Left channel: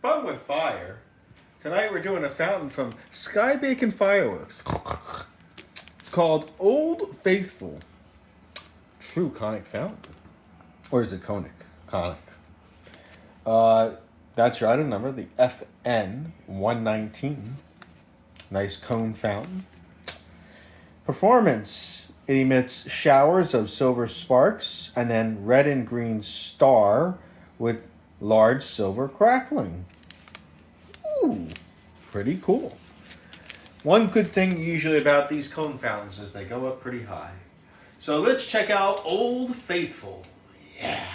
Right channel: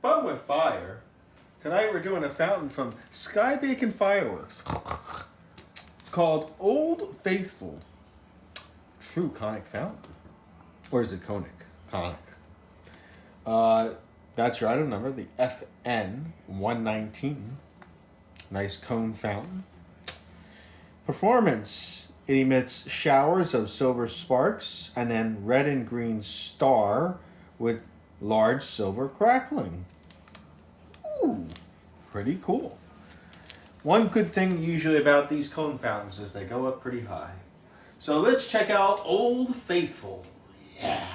Fun with fire. Tonight we're doing a fountain from Sky Bacon Fireworks. It's called Old Faithful. True conic fountain. Or is it conic? Conic. That's your item number, the FN 119. Nice cone fountain. Performance. It emits showers of silver sparks and then red and green star with large silver crackling. Ooh, pretty cool. One good thing usually about these cone fountains is they go up pretty high. So let's check out Old Faithful. Yeah.